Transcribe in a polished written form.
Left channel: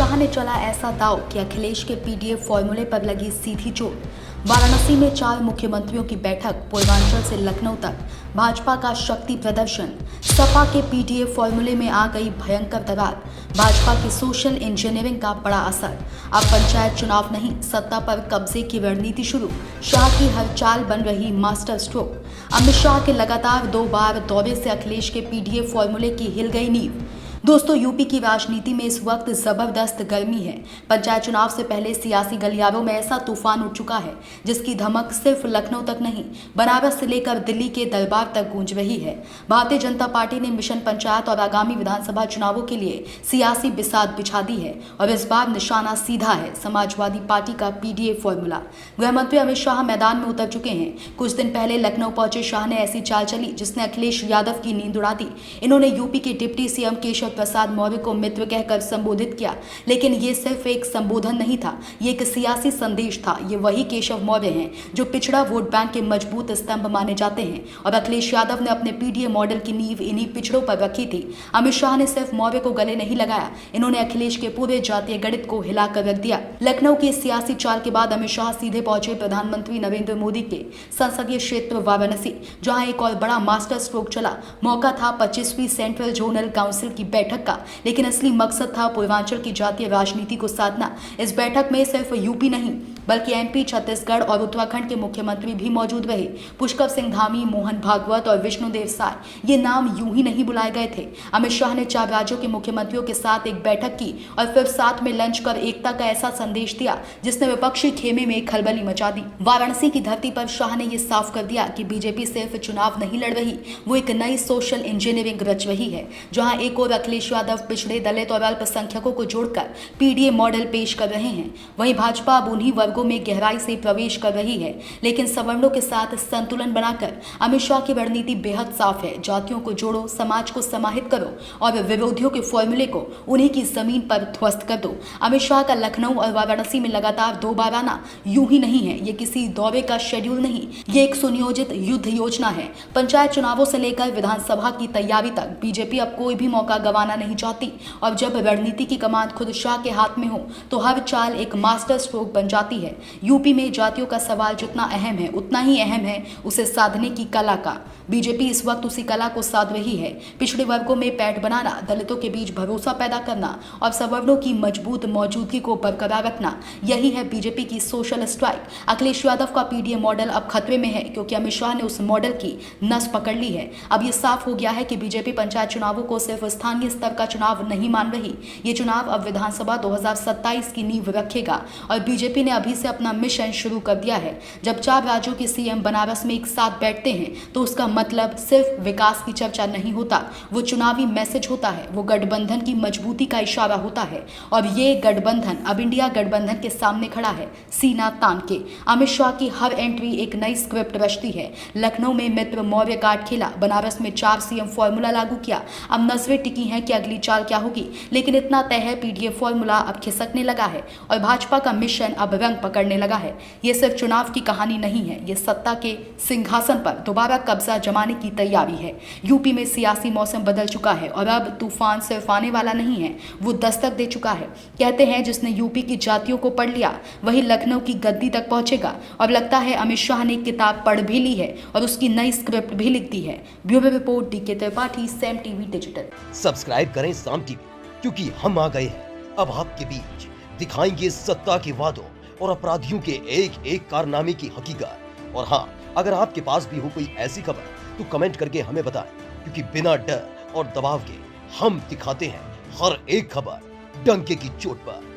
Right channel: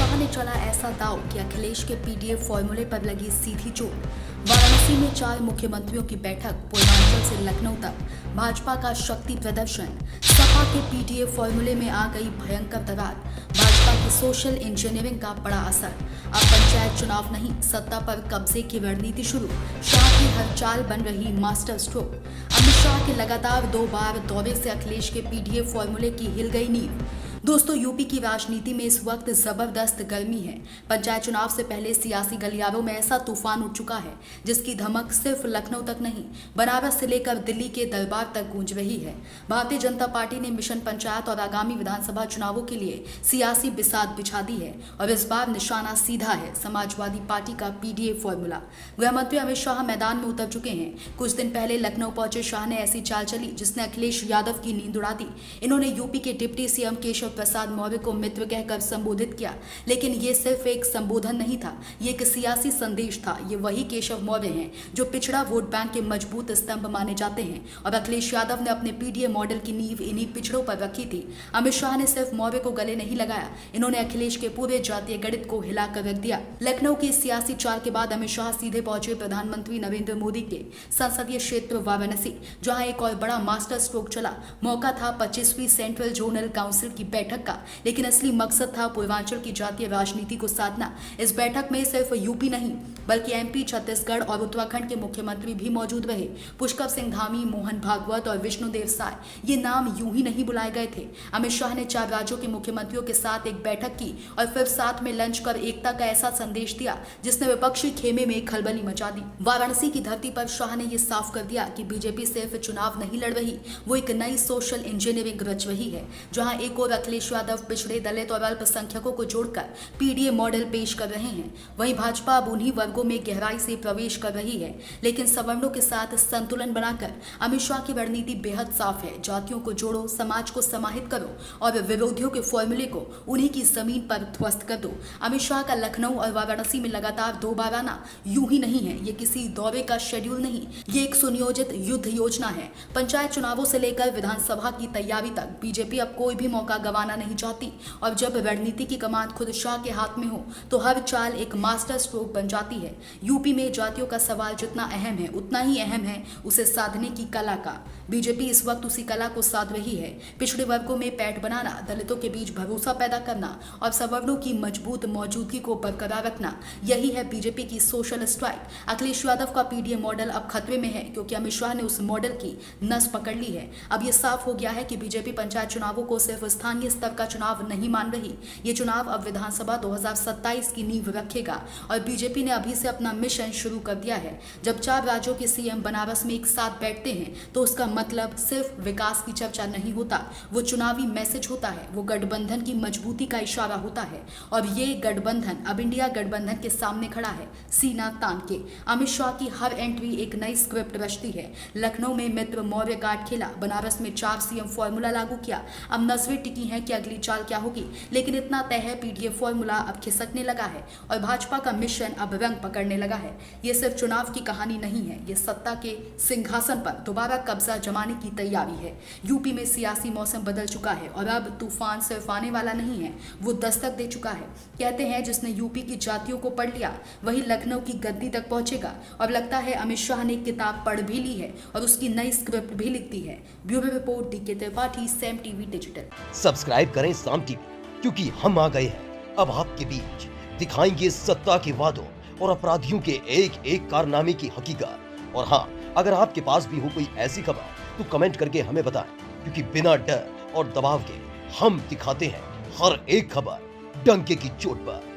शाह ने चला ऐसा दाव कि अखिलेश के पीडीएफ फॉर्मूले पर लगी सीधी चोट। वाराणसी में 4 मुख्यमंत्रियों की बैठक, पूर्वांचल से लखनऊ तक भाजपा का शक्ति प्रदर्शन। सपा के पीडीएफ फॉर्मूले में आ गई भयंकर दरार, भाजपा की सोशल इंजीनियरिंग का बड़ा असर। अब पंचायत चुनाव नहीं, सत्ता पर कब्जे की रणनीति शुरू। शाह की हर चाल बन रही मास्टर स्ट्रोक। अमित शाह के लगातार 2 बार दौरे से अखिलेश के पीडीएफ फॉर्मूले की हिल गई नींव। दोस्तों, यूपी की राजनीति में इस वक्त जबरदस्त गर्मी है। पंचायत चुनाव से पहले सियासी गलियारों में ऐसा तूफान उठ चुका है जिसकी धमक सिर्फ लखनऊ तक नहीं, बनारस से लेकर दिल्ली के दरबार तक गूंज रही है। भारतीय जनता पार्टी ने मिशन पंचायत और आगामी विधानसभा चुनावों के लिए सियासी बिसात बिछा दी है और इस बार निशाना सीधा है समाजवादी पार्टी का पीडीएफ फॉर्मूला। गृह मंत्री अमित शाह मैदान में उतर चुके हैं। कुछ दिन पहले लखनऊ पहुंचे शाह ने ऐसी चाल चली जिसने अखिलेश यादव की नींद उड़ा दी। इन्होंने यूपी के डिप्टी सीएम केशव प्रसाद मौर्य को मित्र कहकर संबोधित किया, लेकिन ये सिर्फ एक संबोधन नहीं था, ये एक सियासी संदेश था। ये वही केशव मौर्य हैं जो पिछड़ा वोट बैंक के मजबूत स्तंभ माने जाते हैं और अखिलेश यादव ने अपने पीडीए मॉडल की नींव इन्हीं पिछड़ों पर रखी थी। अमित शाह ने सिर्फ मौर्य को गले नहीं लगाया, इन्होंने अखिलेश के पूरे जातीय गणित को हिलाकर रख दिया। लखनऊ की सियासी चाल के बाद अमित शाह सीधे पहुंचे प्रधानमंत्री नरेंद्र मोदी के संसदीय क्षेत्र वाराणसी, जहां एक और बड़ा मास्टर स्ट्रोक चला। मौका था 25वीं सेंट्रल जोनल काउंसिल की बैठक का, लेकिन असली मकसद था पूर्वांचल की जातीय राजनीति को साधना। इस बैठक में सिर्फ यूपी नहीं बल्कि एमपी, छत्तीसगढ़ और उत्तराखंड के मुख्यमंत्री भी मौजूद रहे। पुष्कर सिंह धामी, मोहन भागवत और विष्णुदेव साय, ये नाम यूं ही नहीं बुलाए गए थे। अमित शाह ने 4 राज्यों के मुख्यमंत्रियों के साथ एक बैठक की और फिर साथ में लंच कर एकता का ऐसा संदेश दिया जिसने विपक्षी खेमे में खलबली मचा दी। वाराणसी की धरती पर शाह ने यह साफ कर दिया कि बीजेपी सिर्फ चुनाव नहीं लड़ रही, वो एक नई सोशल इंजीनियरिंग रच रही है, जहां एक और अखिलेश यादव पिछड़े, दलित और अल्पसंख्यकों को जोड़कर पीडीए मॉडल पेश कर रहे हैं। वहीं भाजपा अब उन्हीं वर्गों में गहराई से प्रवेश कर रही है, लेकिन सवर्णों के साथ संतुलन बनाकर। अमित शाह की रणनीति बेहद साफ है, जातियों को जोड़ो, समाज को समाहित करो और विरोधियों के फॉर्मूले को उन्हीं की जमीन पर ध्वस्त कर दो। अमित शाह का लखनऊ और वाराणसी में लगातार 2 बार आना यूं ही नहीं है, ये किसी दौरे का शेड्यूल नहीं, ये एक सुनियोजित युद्ध योजना है। पंचायत चुनावों से लेकर विधानसभा की तैयारी तक बीजेपी अब कोई भी मौका गंवाना नहीं चाहती और जब रणनीति की कमान खुद शाह के हाथ में हो तो हर चाल एक मास्टर स्ट्रोक बन जाती है। यूपी में जातियों का सवाल जितना अहम है उतना ही अहम है उसे साधने की कला का। बीजेपी इस वक्त उसी कला को साध रही है। पिछड़े वर्गों में पैठ बनाना, दलितों के बीच भरोसा पैदा करना और सवर्णों की मजबूत मौजूदगी को बरकरार रखना, यही है बीजेपी की सोशल स्ट्राइक। अखिलेश यादव का पीडीए मॉडल अब खतरे में है क्योंकि अमित शाह ने उस मॉडल की नस पकड़ ली है। अब यह साफ हो गया है कि बीजेपी पंचायत चुनावों को सिर्फ स्थानीय स्तर का चुनाव नहीं मान रही, ये चुनाव अब विधानसभा 2027 की नींव रखेगा और बीजेपी ने अभी से अपना मिशन शुरू कर दिया है। जब 4 राज्यों के सीएम बनारस में एक साथ बैठते हैं तो उसका मतलब सिर्फ विकास की चर्चा नहीं होता, वो चुनावी मैसेज होता है, वो गठबंधन की मजबूती का इशारा होता है और ये गठबंधन अब इंडिया गठबंधन के सामने खड़ा है, सीना तान के। अमित शाह की हर एंट्री एक नई स्क्रिप्ट रचती है। लखनऊ में मित्र मौर्य कार्ड खेला, बनारस में 4 सीएम फॉर्मूला लागू किया। अब नजरें टिकी हैं कि अगली चाल क्या होगी, लेकिन इतना तय है पीडीएफ फॉर्मूला अब खिसकने लगा है और भाजपा का मिशन अब रंग पकड़ने लगा है। ये सिर्फ चुनाव की कहानी नहीं है, ये सत्ता के सिंहासन पर दोबारा कब्जा जमाने की तैयारी है। यूपी में सियासी मौसम बदल चुका है और अब तूफान सिर्फ आने वाला नहीं है, वो दस्तक दे चुका है। कहते हैं जिसने यूपी की जातियों को पढ़ लिया वही लखनऊ की गद्दी तक पहुंचेगा और लगता है अमित शाह ने किताब पढ़ भी ली है और उसकी नई स्क्रिप्ट भी लिख दी है। Bureau report, DK Tripathi, Saam TV digital. Subscribe करें साम टीवी, क्योंकि हम आ गए हैं अब आपके बीच, दिखाएंगे सत्ता के वादों और अपराधियों के एक एक कारनामे की हकीकत। और हाँ, अगर आपके पास भी हो कोई ऐसी खबर तो कमेंट करके हमें बताएं, क्योंकि बिना डर और दबाव के हम दिखाते हैं हर एक खबर डंके की चोट पर।